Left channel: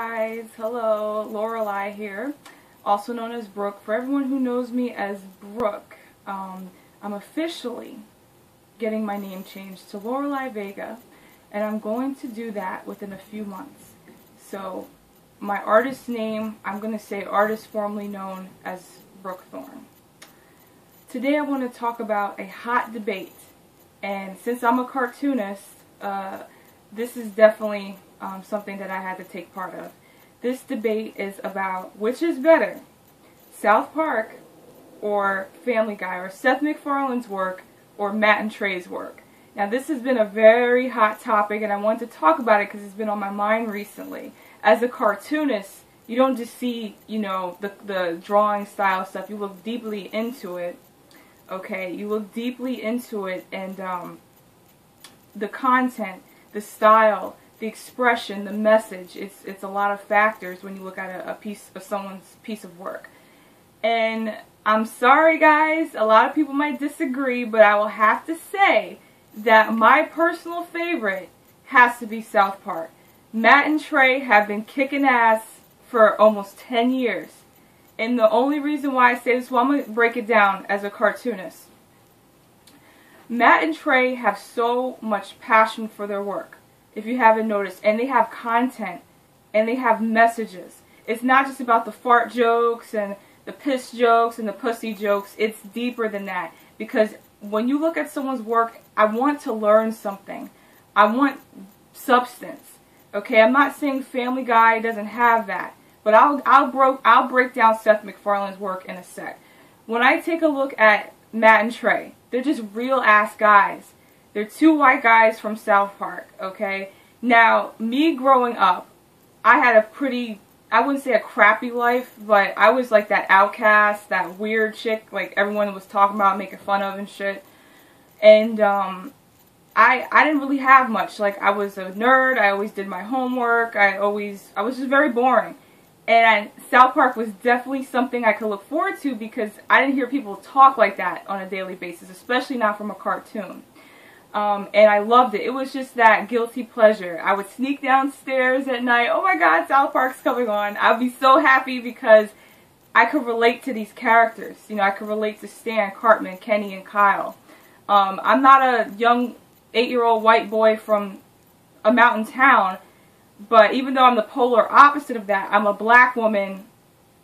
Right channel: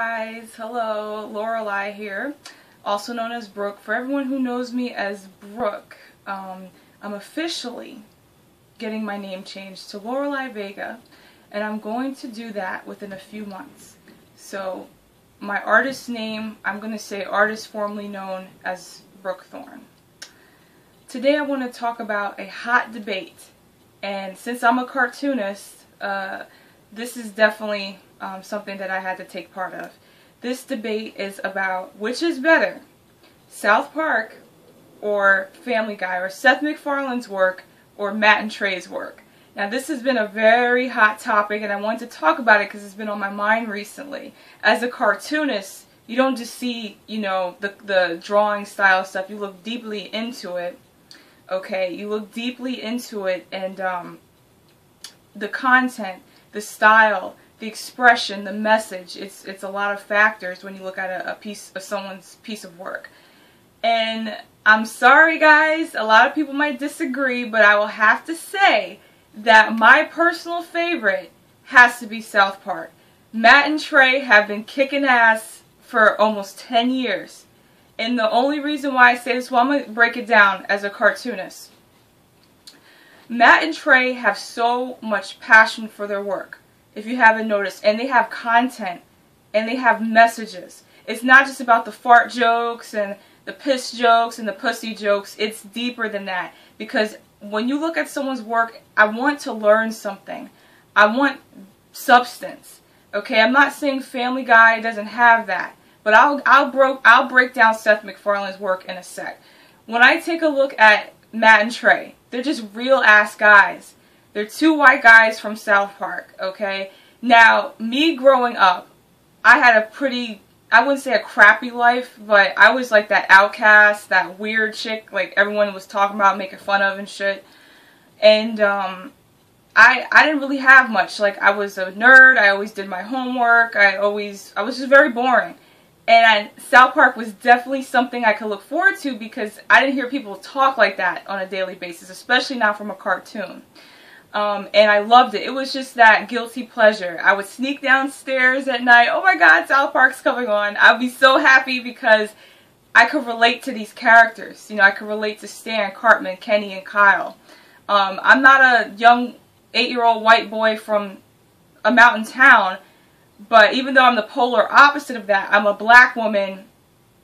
Guys, hello, Lorelei here, also known as Brooke. For everyone who knows me as Brooke, I'm officially getting my name changed to Lorelei Vega, and I'm going to do that within a few months. So my artist name, I'm going to say artist formerly known as Brooke Thorne. Today I want to talk about a hot debate, and since I'm a cartoonist, this is definitely something that I had to take part of. This debate is about which is better, South Park or Family Guy, or Seth MacFarlane's work or Matt and Trey's work. Now this has been a very hot topic, and I wanted to talk about it because it's been on my mind recently. As a cartoonist, you don't just see, the drawing style stuff, you look deeply into it. Okay, you look deeply into it, and the content, the style, the expression, the message, it's a lot of factors when you look at a piece of someone's piece of work. And I'm sorry guys, a lot of people might disagree, but I will have to say that my personal favorite has to be South Park. Matt and Trey have been kicking ass for almost 10 years. And the only reason why I say this, well, I'm going to break it down as a cartoonist. Matt and Trey have so much passion for their work, if you haven't noticed, and they have content, and they have messages. It's not just about the fart jokes and the piss jokes and the pussy jokes. It's deeper than that, because when you look at someone's work, I want to learn something. I want substance. Okay, I'm not saying Family Guy doesn't have that, but I'll break down Seth MacFarlane's work in a sec. When I take a look at Matt and Trey, they're just real ass guys. They're two white guys from South Park, okay? Now, me growing up, I had a pretty, I wouldn't say a crappy life, but I was like that outcast, that weird chick, like everyone was talking about, making fun of and shit. And I didn't really have much. Like, I was a nerd, I always did my homework, I was just very boring. And South Park was definitely something I could look forward to because I didn't hear people talk like that on a daily basis, especially not from a cartoon. And I loved it. It was just that guilty pleasure. I would sneak downstairs at night. Oh my God, South Park's coming on. I'd be so happy because I could relate to these characters. I could relate to Stan, Cartman, Kenny, and Kyle. I'm not a young 8-year-old white boy from a mountain town. But even though I'm the polar opposite of that, I'm a black woman,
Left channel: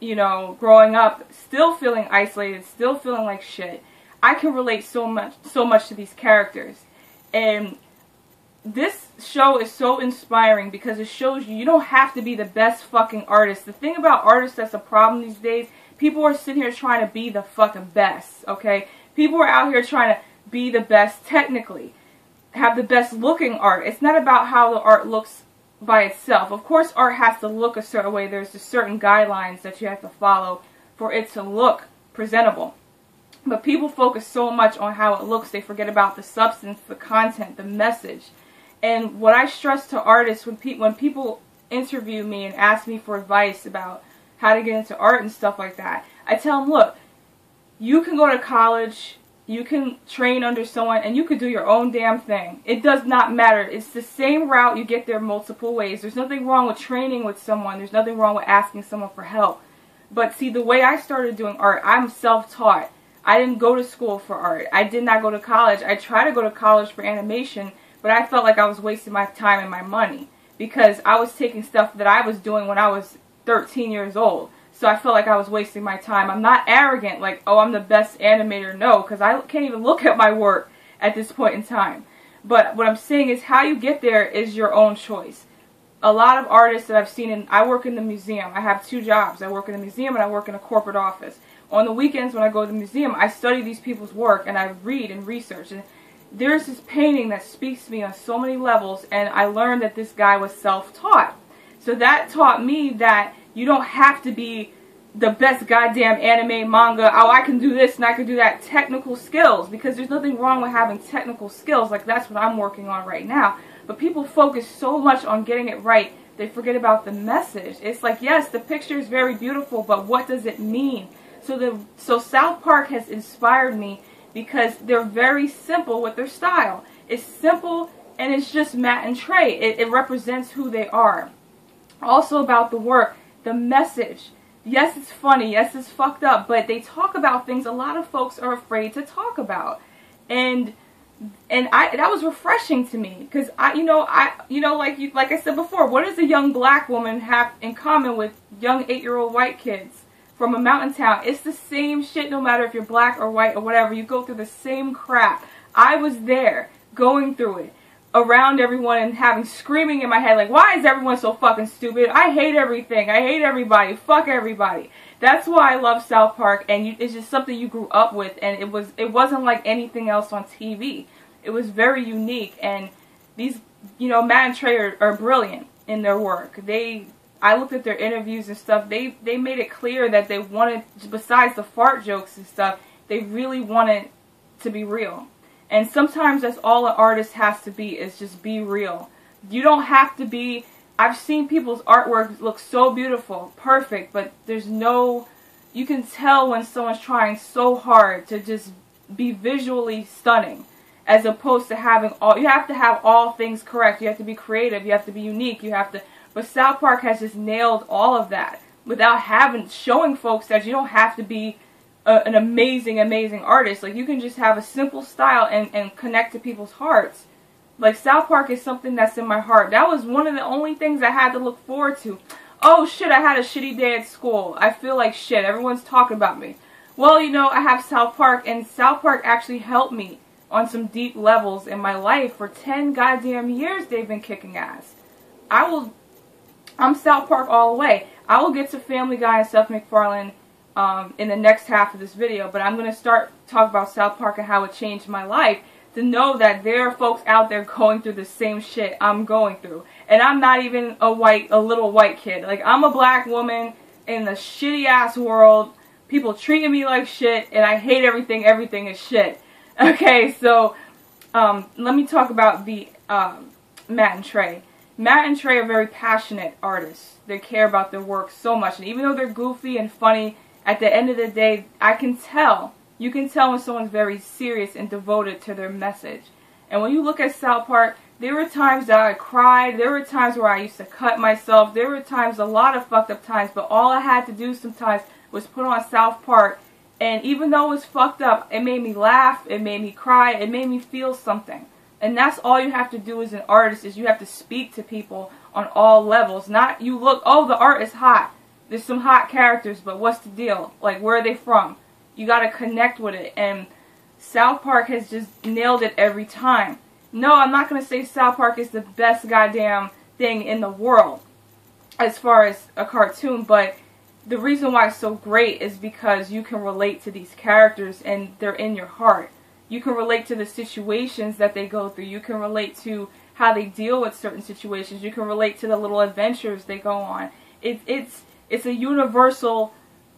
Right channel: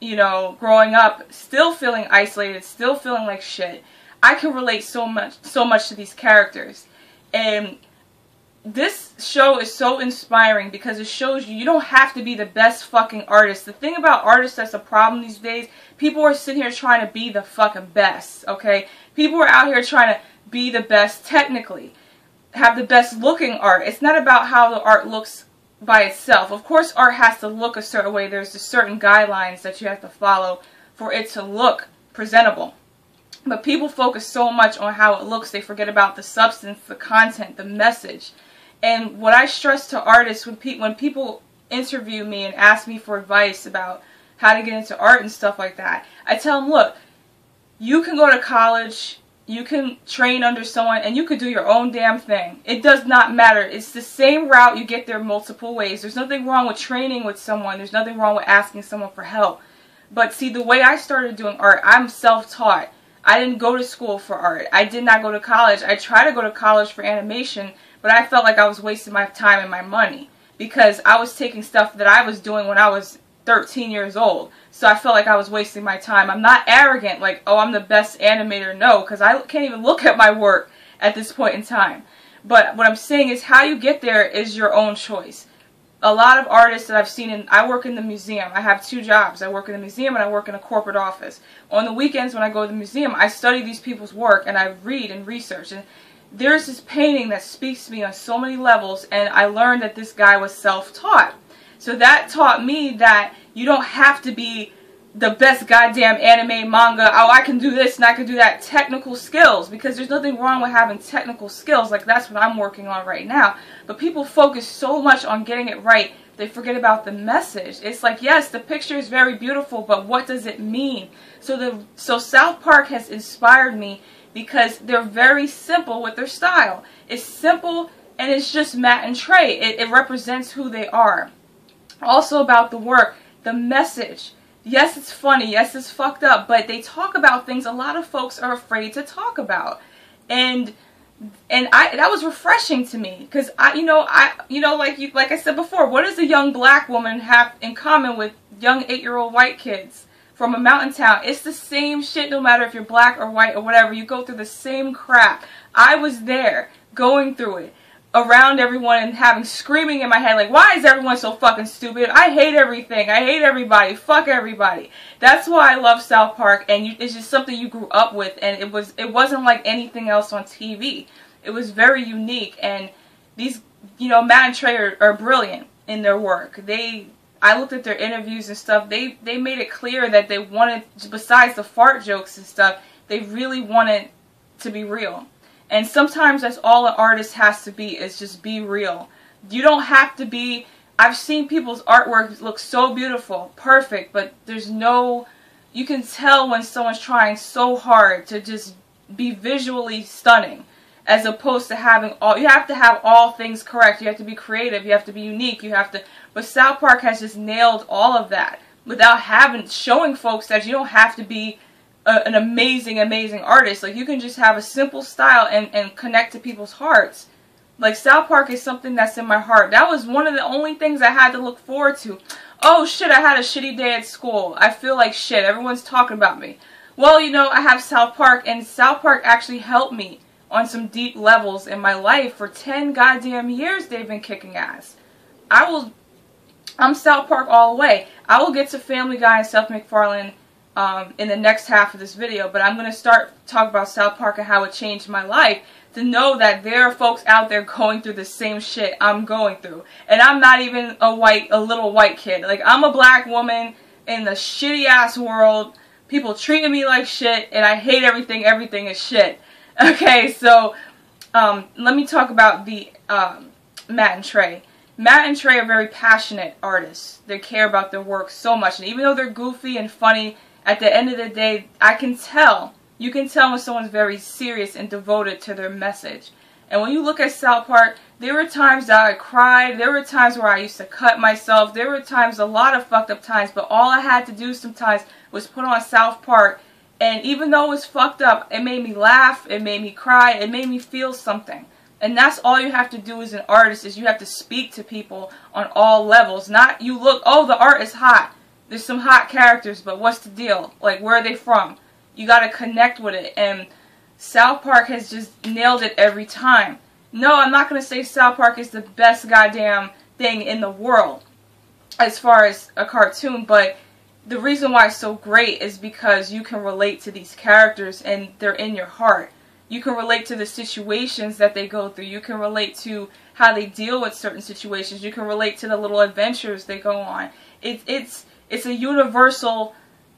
growing up, still feeling isolated, still feeling like shit. I can relate so much to these characters. And this show is so inspiring because it shows you don't have to be the best fucking artist. The thing about artists that's a problem these days, people are sitting here trying to be the fucking best, okay? People are out here trying to be the best technically, have the best looking art. It's not about how the art looks by itself. Of course, art has to look a certain way. There's just certain guidelines that you have to follow for it to look presentable. But people focus so much on how it looks, they forget about the substance, the content, the message. And what I stress to artists when people interview me and ask me for advice about how to get into art and stuff like that, I tell them, look, you can go to college, you can train under someone, and you could do your own damn thing. It does not matter. It's the same route. You get there multiple ways. There's nothing wrong with training with someone. There's nothing wrong with asking someone for help. But see, the way I started doing art, I'm self-taught. I didn't go to school for art. I did not go to college. I tried to go to college for animation, but I felt like I was wasting my time and my money because I was taking stuff that I was doing when I was 13 years old. So I felt like I was wasting my time. I'm not arrogant, like, oh, I'm the best animator. No, because I can't even look at my work at this point in time. But what I'm saying is how you get there is your own choice. A lot of artists that I've seen, I work in the museum. I have 2 jobs. I work in the museum and I work in a corporate office. On the weekends when I go to the museum, I study these people's work and I read and research. And there's this painting that speaks to me on so many levels, and I learned that this guy was self-taught. So that taught me that you don't have to be the best goddamn anime, manga, oh, I can do this and I can do that, technical skills, because there's nothing wrong with having technical skills. Like, that's what I'm working on right now. But people focus so much on getting it right, they forget about the message. It's like, yes, the picture is very beautiful, but what does it mean? So South Park has inspired me because they're very simple with their style. It's simple, and it's just Matt and Trey. It represents who they are. Also about the work, the message. Yes, it's funny. Yes, it's fucked up. But they talk about things a lot of folks are afraid to talk about. And that was refreshing to me, because like I said before, what does a young black woman have in common with young 8-year-old white kids from a mountain town? It's the same shit, no matter if you're black or white or whatever. You go through the same crap. I was there, going through it, around everyone, and having screaming in my head like, why is everyone so fucking stupid? I hate everything. I hate everybody. Fuck everybody. That's why I love South Park, and it's just something you grew up with, and it wasn't like anything else on TV. It was very unique, and these, Matt and Trey are brilliant in their work. I looked at their interviews and stuff. They made it clear that they wanted, besides the fart jokes and stuff, they really wanted to be real. And sometimes that's all an artist has to be, is just be real. You don't have to be... I've seen people's artwork look so beautiful, perfect, but there's no... You can tell when someone's trying so hard to just be visually stunning, as opposed to having all... You have to have all things correct. You have to be creative. You have to be unique. You have to... But South Park has just nailed all of that without showing folks that you don't have to be an amazing artist. Like, you can just have a simple style and connect to people's hearts. Like, South Park is something that's in my heart. That was one of the only things I had to look forward to. Oh shit, I had a shitty day at school. I feel like shit. Everyone's talking about me. Well, I have South Park, and South Park actually helped me on some deep levels in my life. For 10 goddamn years they've been kicking ass. I'm South Park all the way. I will get to Family Guy and Seth MacFarlane in the next half of this video, but I'm going to start talking about South Park and how it changed my life, to know that there are folks out there going through the same shit I'm going through. And I'm not even a little white kid. Like, I'm a black woman in the shitty ass world, people treating me like shit, and I hate everything. Everything is shit. Okay, so let me talk about the Matt and Trey. Matt and Trey are very passionate artists. They care about their work so much, and even though they're goofy and funny, at the end of the day, you can tell when someone's very serious and devoted to their message. And when you look at South Park, there were times that I cried, there were times where I used to cut myself, there were times, a lot of fucked up times, but all I had to do sometimes was put on South Park, and even though it was fucked up, it made me laugh, it made me cry, it made me feel something. And that's all you have to do as an artist, is you have to speak to people on all levels. Not you look, oh, the art is hot. There's some hot characters, but what's the deal? Like, where are they from? You gotta connect with it. And South Park has just nailed it every time. No, I'm not gonna say South Park is the best goddamn thing in the world as far as a cartoon, but the reason why it's so great is because you can relate to these characters and they're in your heart. You can relate to the situations that they go through. You can relate to how they deal with certain situations. You can relate to the little adventures they go on. It's a universal,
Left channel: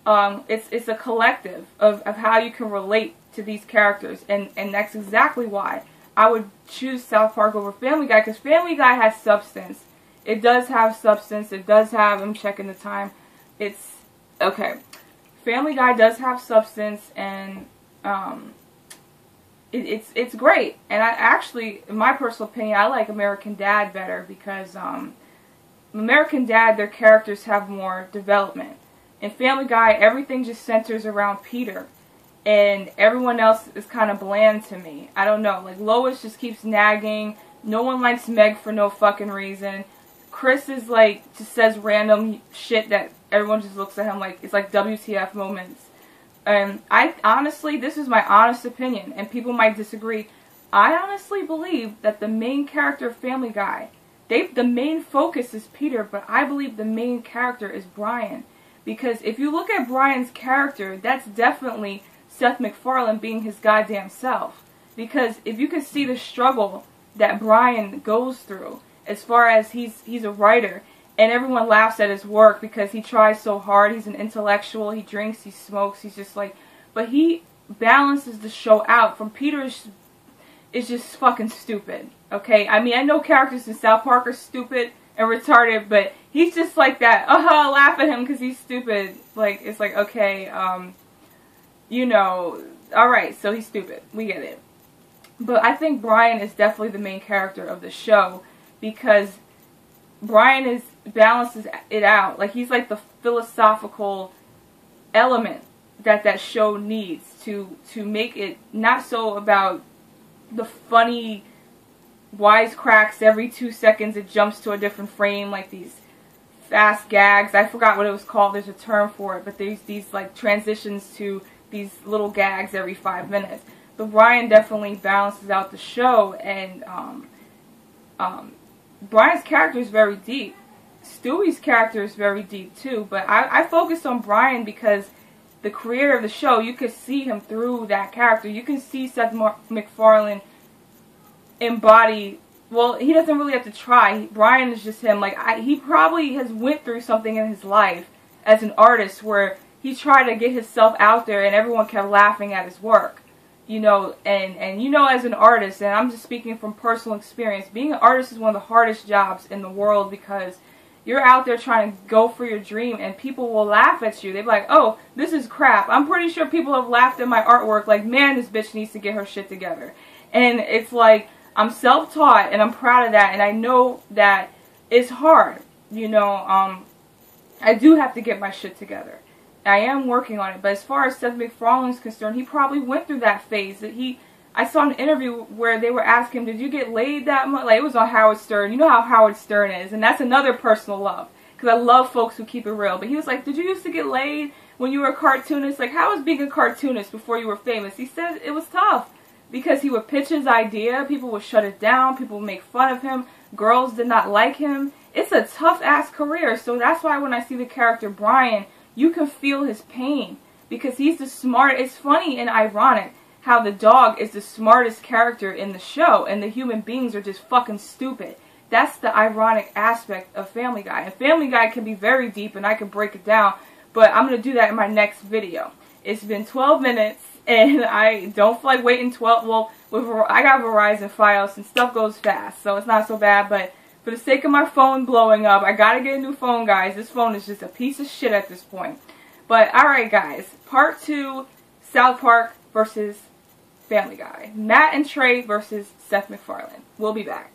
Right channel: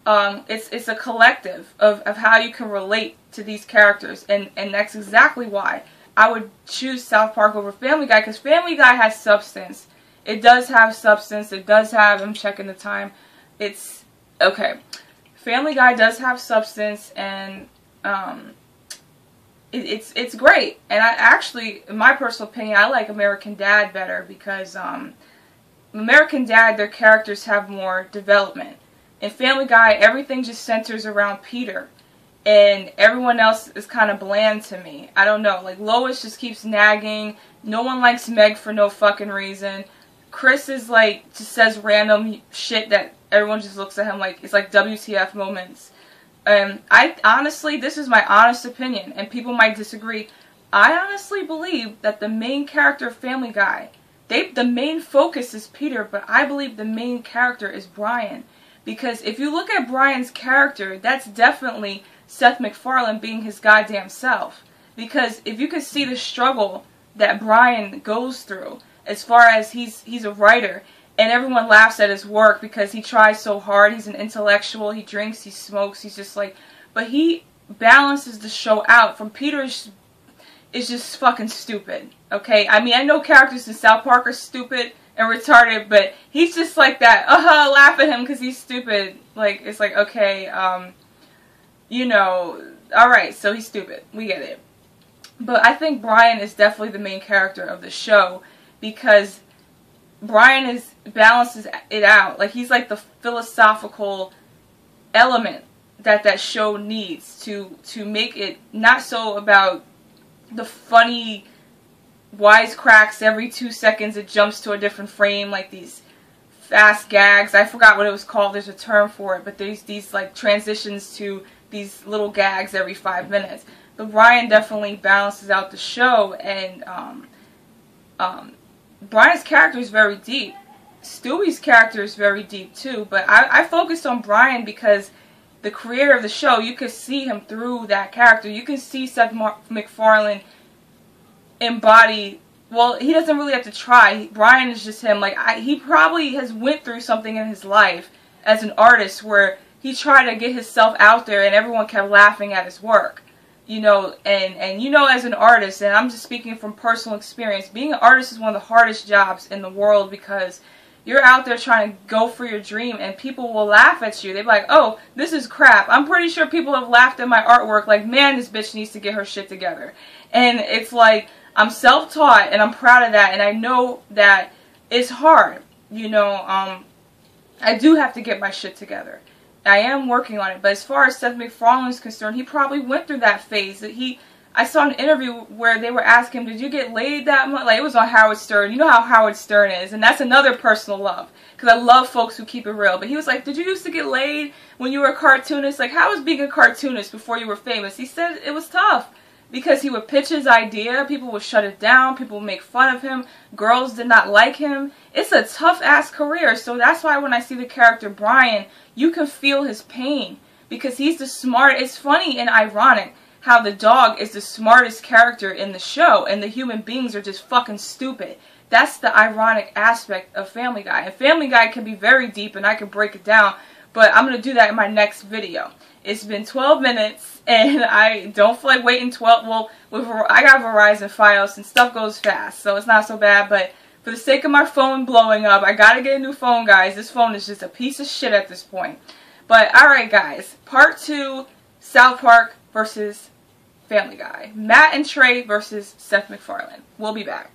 it's a collective of how you can relate to these characters. And that's exactly why I would choose South Park over Family Guy, because Family Guy has substance. It does have substance. It does have, I'm checking the time. It's, okay. Family Guy does have substance, and it's great. And I actually, in my personal opinion, I like American Dad better, because American Dad, their characters have more development. In Family Guy, everything just centers around Peter, and everyone else is kind of bland to me. I don't know, like Lois just keeps nagging. No one likes Meg for no fucking reason. Chris is like, just says random shit that everyone just looks at him like, it's like WTF moments. I honestly, this is my honest opinion, and people might disagree. I honestly believe that the main character of Family Guy, the main focus is Peter, but I believe the main character is Brian. Because if you look at Brian's character, that's definitely Seth MacFarlane being his goddamn self. Because if you can see the struggle that Brian goes through, as far as he's a writer, and everyone laughs at his work because he tries so hard, he's an intellectual, he drinks, he smokes, he's just like, but he balances the show out. From Peter is just fucking stupid, okay? I mean, I know characters in South Park are stupid and retarded, but he's just like that, laugh at him because he's stupid. Like, it's like, okay, alright, so he's stupid, we get it. But I think Brian is definitely the main character of the show, because Brian balances it out. Like, he's like the philosophical element that show needs to make it not so about the funny wisecracks every 2 seconds. It jumps to a different frame, like these fast gags. I forgot what it was called. There's a term for it, but there's these like transitions to these little gags every 5 minutes. But Brian definitely balances out the show, and Brian's character is very deep. Stewie's character is very deep too, but I focused on Brian because the creator of the show, you could see him through that character. You can see Seth MacFarlane embody. Well, he doesn't really have to try. Brian is just him. Like, he probably has went through something in his life as an artist where he tried to get himself out there and everyone kept laughing at his work. You know, and you know, as an artist, and I'm just speaking from personal experience, being an artist is one of the hardest jobs in the world because you're out there trying to go for your dream and people will laugh at you. They're like, oh, this is crap. I'm pretty sure people have laughed at my artwork like, man, this bitch needs to get her shit together. And it's like, I'm self-taught and I'm proud of that, and I know that it's hard. You know, I do have to get my shit together. I am working on it, but as far as Seth MacFarlane is concerned, he probably went through that phase. I saw an interview where they were asking him, did you get laid that much? Like, it was on Howard Stern. You know how Howard Stern is, and that's another personal love, because I love folks who keep it real. But he was like, did you used to get laid when you were a cartoonist? Like, how was being a cartoonist before you were famous? He said it was tough, because he would pitch his idea, people would shut it down, people would make fun of him, girls did not like him. It's a tough-ass career, so that's why when I see the character Brian, you can feel his pain, because he's the smart. It's funny and ironic how the dog is the smartest character in the show, and the human beings are just fucking stupid. That's the ironic aspect of Family Guy. And Family Guy can be very deep, and I can break it down, but I'm going to do that in my next video. It's been 12 minutes, and I don't feel like waiting 12. Well, I got Verizon Fios, and stuff goes fast, so it's not so bad. But for the sake of my phone blowing up, I got to get a new phone, guys. This phone is just a piece of shit at this point. But, alright, guys. Part 2, South Park versus Family Guy. Matt and Trey versus Seth MacFarlane. We'll be back.